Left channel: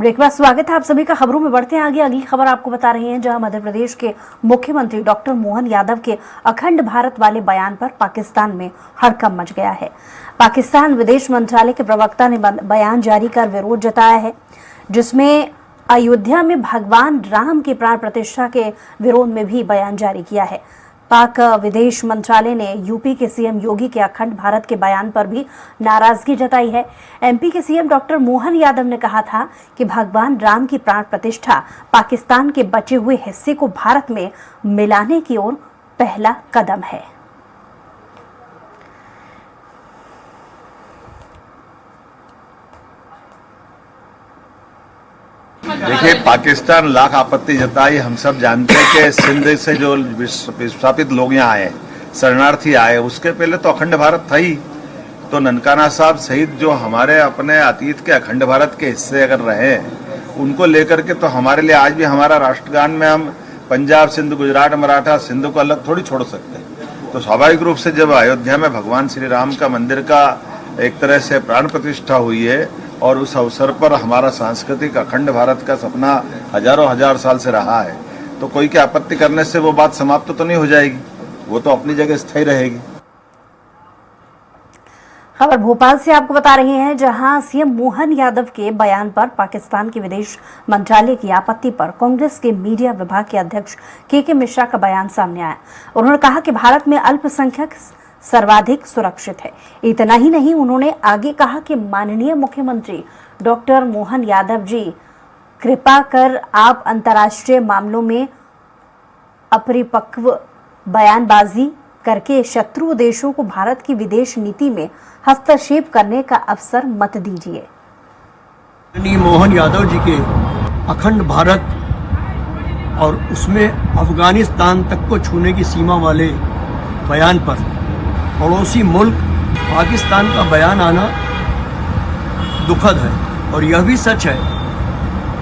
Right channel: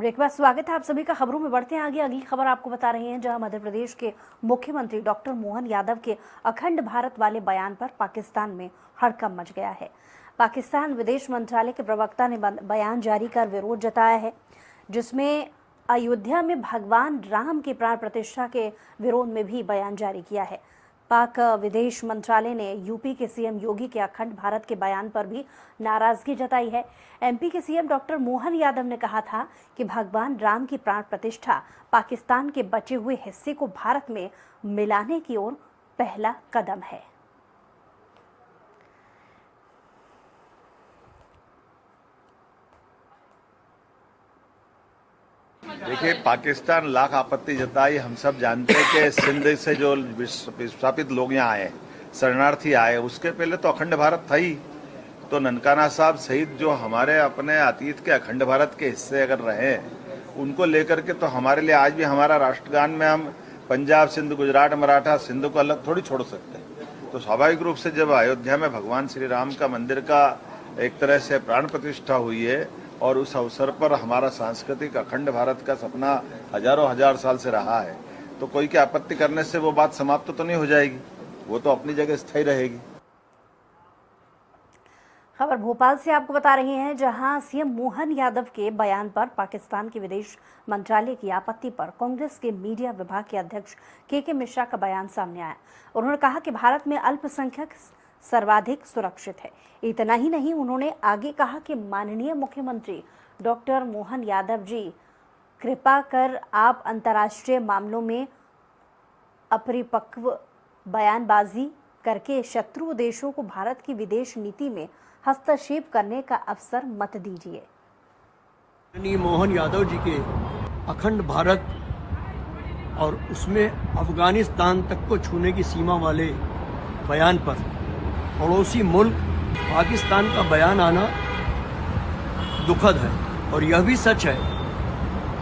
Break बाद स्वागत है आप सभी का। खबरों में बढ़ते हैं आगे। अगली खबर आपको बता रहे हैं, जहां मध्य प्रदेश के मुख्यमंत्री डॉक्टर मोहन यादव के अखंड भारत वाले बयान पर पाकिस्तान में हड़कंप मच गया है। पाकिस्तान विदेश मंत्रालय के प्रवक्ता ने बयान जारी कर विरोध जताया है, जिसमें अयोध्या में भगवान राम की प्राण प्रतिष्ठा के विरोध में भी बयान जारी किया है। पाक विदेश मंत्रालय ने यूपी के सीएम योगी के अखंड भारत के बयान पर भी नाराजगी जताई है। एमपी के सीएम डॉक्टर मोहन यादव ने कहा था कि भगवान राम की प्राण प्रतिष्ठा पाकिस्तान के बचे हुए हिस्से को भारत में मिलाने की ओर पहला कदम है। देखिए, पाकिस्तान लाख आपत्ति जताई। हम सब जानते हैं कि सिंध से जो विस्थापित लोग यहाँ आए, शरणार्थी आए, उसके पहले तो अखंड भारत था ही। तो ननकाना साहब सहित जो हमारे अपने अतीत के अखंड भारत के हिस्से अगर रहे, उनको लेकर के तो हमारे लिए आज भी हमारा राष्ट्रगान में हम पंजाब, सिंध, गुजरात, मराठा, सिंध को अलग थोड़ी छोड़ सकते। तो स्वाभाविक रूप से जब अयोध्या में भगवान श्री राम का मंदिर का एक तरह से प्राण प्रतिष्ठा हुई है और उस अवसर पर हमारा सांस्कृतिक अखंड भारत का सपना हजारों हजार साल से रहा है, तो कोई की आपत्ति करने से वो बात समाप्त तो नहीं हो जाएगी, वो तो अपनी जगह स्थायी रहेगी। खबर भोपाल से आपको बता रहे हैं, जहां सीएम मोहन यादव के बयान पर पाकिस्तान के विदेश मंत्रालय की आपत्ति पर कांग्रेस के मीडिया विभाग के अध्यक्ष के मिश्रा का बयान सामने आया। उन्होंने कहा कि भारत में अल्पसंख्यक सर्वाधिक सुरक्षित है। इतना ही नहीं, उन्होंने आगे कहा कि माननीय मुख्यमंत्री डॉक्टर मोहन यादव जी, कृपा कर आप अंतर्राष्ट्रीय मामलों में अपरिपक्व बयानबाजी करके शत्रु देशों को भारत की विदेश नीति में हस्तक्षेप करने का अवसर मत दीजिए। माननीय मोहन यादव जी के अखंड भारत और उसमें अफगानिस्तान तक को छूने की सीमा वाले बयान पर पड़ोसी मुल्क पाकिस्तान का बयान आना दुखद है। और यह भी सच है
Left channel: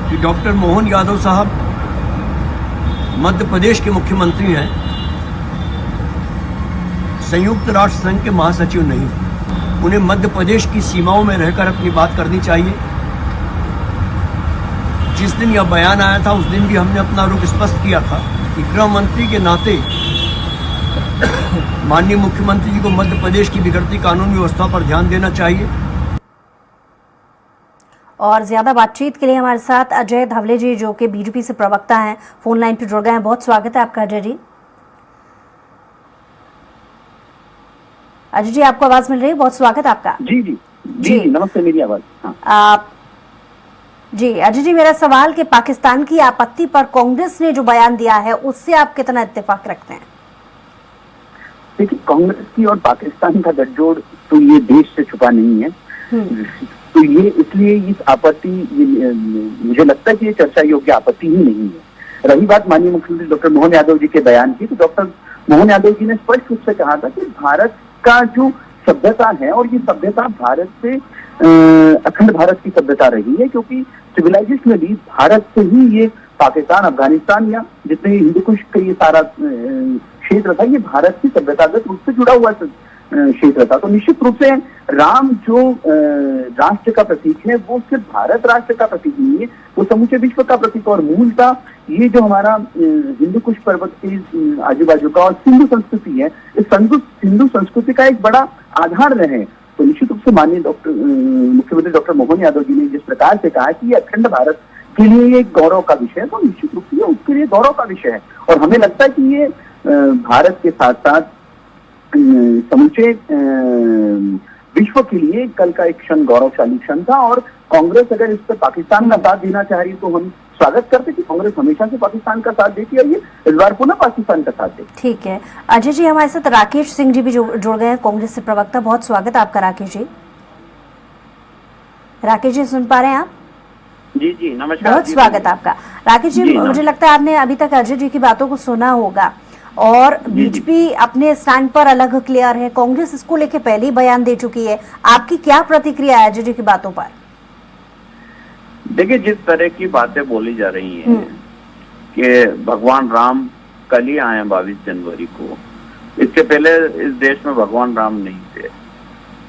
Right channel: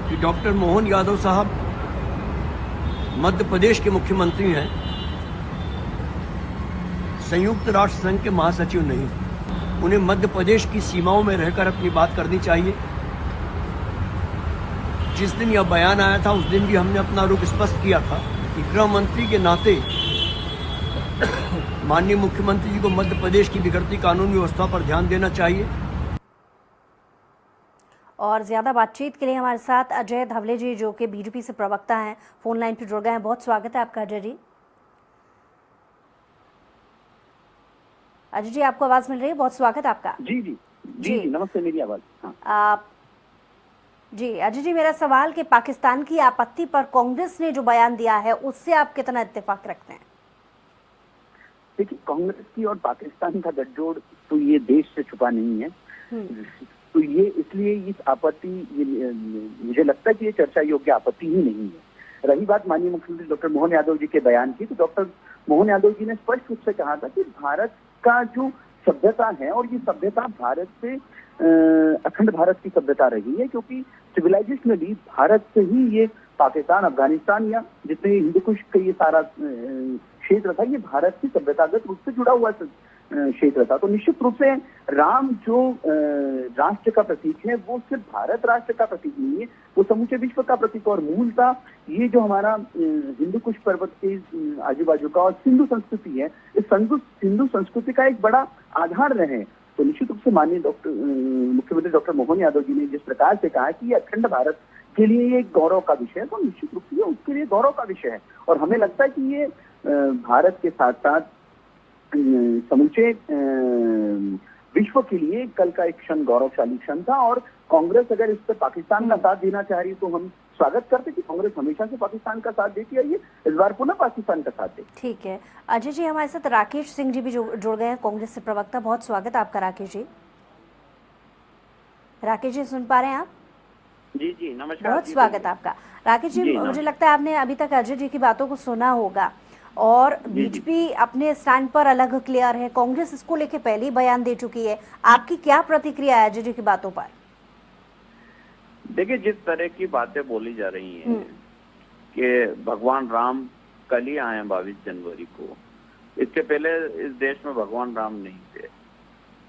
कि डॉक्टर मोहन यादव साहब मध्य प्रदेश के मुख्यमंत्री हैं, संयुक्त राष्ट्र संघ के महासचिव नहीं। उन्हें मध्य प्रदेश की सीमाओं में रहकर अपनी बात करनी चाहिए। जिस दिन यह बयान आया था, उस दिन भी हमने अपना रुख स्पष्ट किया था कि गृह मंत्री के नाते माननीय मुख्यमंत्री जी को मध्य प्रदेश की बिगड़ती कानून व्यवस्था पर ध्यान देना चाहिए। और ज्यादा बातचीत के लिए हमारे साथ अजय धवले जी, जो कि बीजेपी से प्रवक्ता हैं, फोन लाइन पर जुड़ गए हैं। बहुत स्वागत है आपका अजय जी। अजय जी, आपको आवाज मिल रही है? बहुत स्वागत है आपका। जी जी जी, जी नमस्ते, मेरी आवाज। हाँ। जी अजय जी, मेरा सवाल कि पाकिस्तान की आपत्ति पर कांग्रेस ने जो बयान दिया है, उससे आप कितना इत्तेफाक रखते हैं? देखिए, कांग्रेस की और पाकिस्तान का गठजोड़ तो ये देश से छुपा नहीं है। तो ये इसलिए इस आपत्ति, मुझे लगता है कि ये चर्चा योग्य आपत्ति ही नहीं है। रही बात माननीय मुख्यमंत्री डॉक्टर मोहन यादव जी के बयान की, तो डॉक्टर मोहन यादव जी ने स्पष्ट रूप से कहा था कि भारत का जो सभ्यता है, और ये सभ्यता भारत से अखंड भारत की सभ्यता रही है, क्योंकि सिविलाइजेशन में भी भारत से ही ये पाकिस्तान, अफगानिस्तान या जितने हिंदू कुश का ये सारा क्षेत्र था, ये भारत की सभ्यतागत रूप से जुड़ा हुआ क्षेत्र था। तो निश्चित रूप से राम जो राष्ट्र का प्रतीक है, वो सिर्फ भारत राष्ट्र का प्रतीक नहीं है, वो समूचे विश्व का प्रतीक। और मूलतः ये जो हमारा हिंदू कुश पर्वत के आजू बाजू का और सिंधु संस्कृति है, इस सिंधु संस्कृति का एक बड़ा आधार रहे। तो निश्चित रूप से माननीय मुख्यमंत्री डॉक्टर मोहन यादव जी ने जिस प्रकार से कहा कि ये अखंड भारत के लिए ये एक गौरव का विषय है, तो निश्चित रूप से उसके लिए गौरव का विषय है। और हमें लगता है कि ये भारत के साथ साथ समूचे विश्व के लिए कल का एक क्षण गौरवशाली क्षण था। और कांग्रेस अगर इस पर पाकिस्तान का साथ देना चाह रही, तो हम स्वागत करते कि कांग्रेस हमेशा से पाकिस्तान का साथ देती है, और ये इस बार पुनः पाकिस्तान का साथ दे। ठीक है अजय जी, हमारे साथ राकेश सिंह जी भी जुड़ गए हैं, कांग्रेस से प्रवक्ता। बहुत स्वागत है आपका राकेश जी। राकेश जी, सुन पा रहे हैं आप? जी जी, नमस्कार। बहुत स्वागत है आपका राकेश जी। मुझे लगता है आपने अभी तक अजय जी की बातों को सुना होगा, और बीजेपी अपने स्टैंड पर अलग क्लियर है, कांग्रेस इसको लेके पहले ही बयान दे चुकी है। आपकी क्या प्रतिक्रिया है अजय जी की बातों पर? देखिए, जिस तरह की बातें बोली जा रही हैं कि भगवान राम कल ही आए 22 जनवरी को, इससे पहले इस देश में भगवान राम नहीं थे।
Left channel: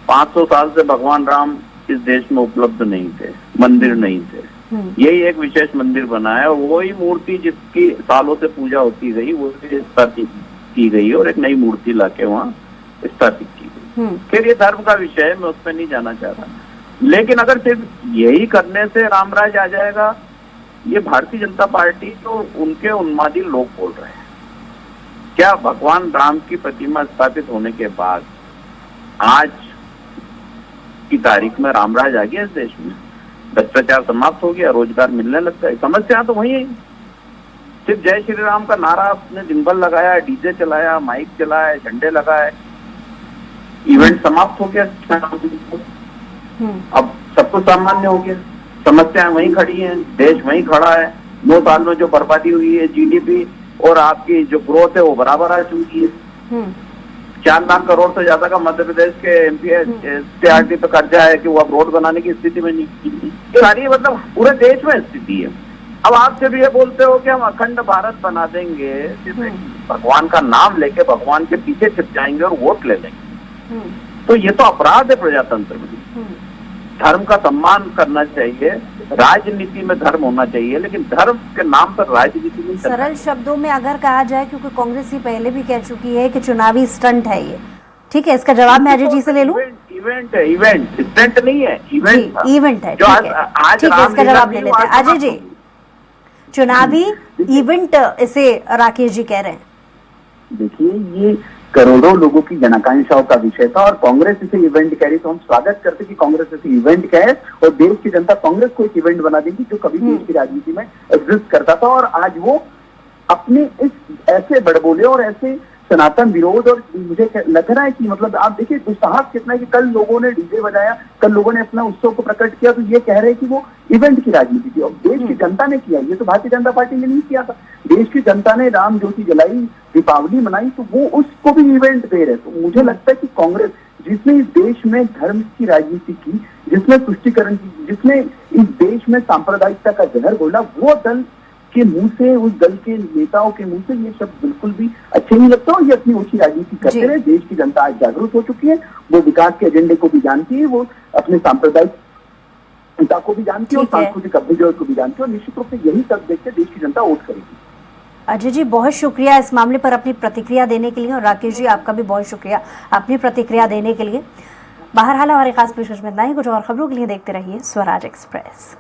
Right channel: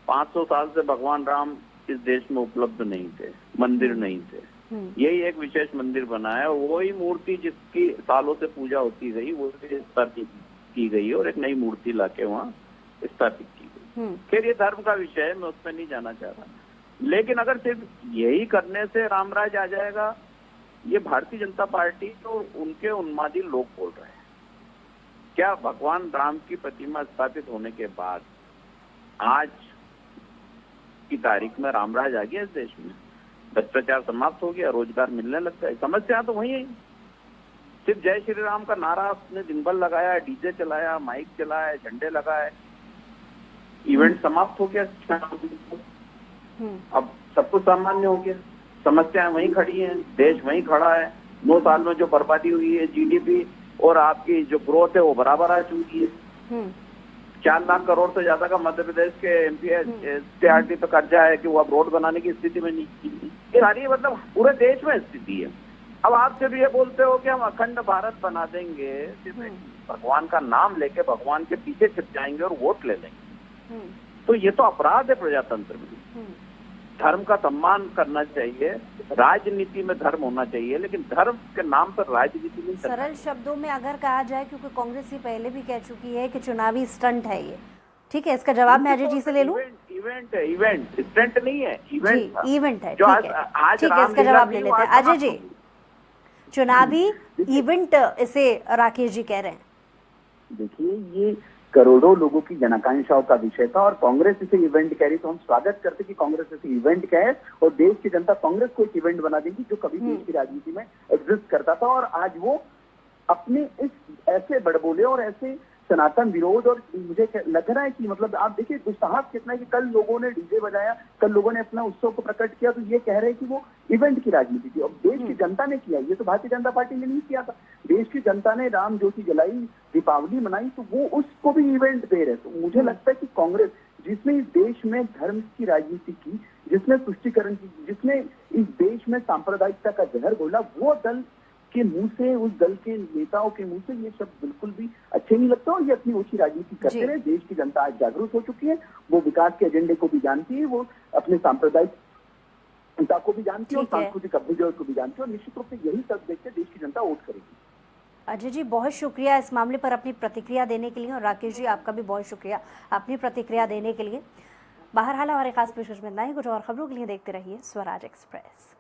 500 साल से भगवान राम इस देश में उपलब्ध नहीं थे, मंदिर नहीं थे। यही एक विशेष मंदिर बना है, और वही मूर्ति जिसकी सालों से पूजा होती गई वो स्थापित की गई और एक नई मूर्ति लाके वहाँ स्थापित की गई। फिर ये धर्म का विषय है, मैं उसमें नहीं जाना चाह रहा, लेकिन अगर सिर्फ यही करने से रामराज आ जाएगा, ये भारतीय जनता पार्टी तो उनके उन्मादी लोग बोल रहे हैं। क्या भगवान राम की प्रतिमा स्थापित होने के बाद आज की तारीख में रामराज आ गया इस देश में? भ्रष्टाचार समाप्त हो गया, रोजगार मिलने लगता है? समस्या तो वही है। सिर्फ जय श्री राम का नारा आपने दिन भर लगाया, डीजे चलाया, माइक चलाया, झंडे लगाए, इवेंट समाप्त हो गया। अब सब कुछ सामान्य हो गया, समस्याएं वहीं खड़ी हैं, देश वहीं खड़ा है। 9 साल में जो बर्बादी हुई है, जीडीपी और आपकी जो ग्रोथ है वो बराबर आ चुकी है। 4 लाख करोड़ से ज्यादा का मध्य प्रदेश के एमपीआरडी पे कर्जा है कि वो अब रोड बनाने की स्थिति में नहीं। ये सारी मतलब पूरे देश में स्थिति है। अब आप जब ये बोलते हो कि हम अखंड भारत बना देंगे, भगवान का नाम लेके भगवान के पीछे छिप जाएंगे और वोट ले लेंगे, तो ये तो अपराध है प्रजातंत्र में। धर्म का सम्मान करना चाहिए, राजनीति में धर्म होना चाहिए, लेकिन धर्म के नाम पर राजनीति नहीं करना। सरल शब्दों में अगर कहा जाए, क्योंकि कांग्रेस ही पहले भी कह चुकी है कि चुनावी स्टंट है ये, ठीक है, इसका जवाब मैं अजय जी से ले लूं। इवेंट है, इवेंट स्टंट नहीं है, इवेंट जी, इवेंट है, जो ठीक है, आज ठीक है, इसका जवाब ले लेते हैं। अजय जी, चुनावी इवेंट इसे राकेश जी कह रहे हैं। देखिए, ये करोड़ों लोगों की जनाकांक्षाओं का विषय था और कांग्रेस इसे इवेंट कह रही, तो हम स्वागत करते कि कांग्रेस इसे इवेंट कहे और देश की जनता कांग्रेस को एक इवेंट बना देगी जो कभी देश की राजनीति में एग्जिस्ट करता था। और आज वो अपने इस ऐसे बड़बोले और ऐसे सनातन विरोध, और मुझे लग रहा है कि मतलब आप देखिए दुस्साहस कितना है कि कल लोगों ने डीजे बजाया, कल लोगों ने अपना उत्सव को प्रकट किया, तो ये कह रहे हैं कि वो इवेंट की राजनीति थी। और देश की जनता ने किया, ये तो भारतीय जनता पार्टी ने नहीं किया था। देश की जनता ने राम ज्योति जलाई, दीपावली मनाई, तो वो उसको भी इवेंट दे रहे। तो मुझे लगता है कि कांग्रेस जिसने इस देश में धर्म की राजनीति की, जिसने तुष्टीकरण की, जिसने इस देश में सांप्रदायिकता का जहर घोला, वो दल के मुंह से, उस दल के नेताओं के मुंह से ये शब्द बिल्कुल भी अच्छे नहीं लगता। और ये अपनी ऊंची राजनीति करते रहे। देश की जनता आज जागरूक हो चुकी है, वो विकास के एजेंडे को भी जानती है, वो अपने सांप्रदायिक जनता को भी जानती है और सांस्कृतिक अभ्युदय को भी जानती है, और निश्चित रूप से यही सब देख के देश की जनता वोट करेगी। अजय जी, बहुत शुक्रिया इस मामले पर अपनी प्रतिक्रिया देने के लिए, और राकेश जी आपका भी बहुत शुक्रिया अपनी प्रतिक्रिया देने के लिए। बहरहाल हमारे खास पेशकश में इतना ही। कुछ और खबरों के लिए देखते रहिए स्वराज एक्सप्रेस।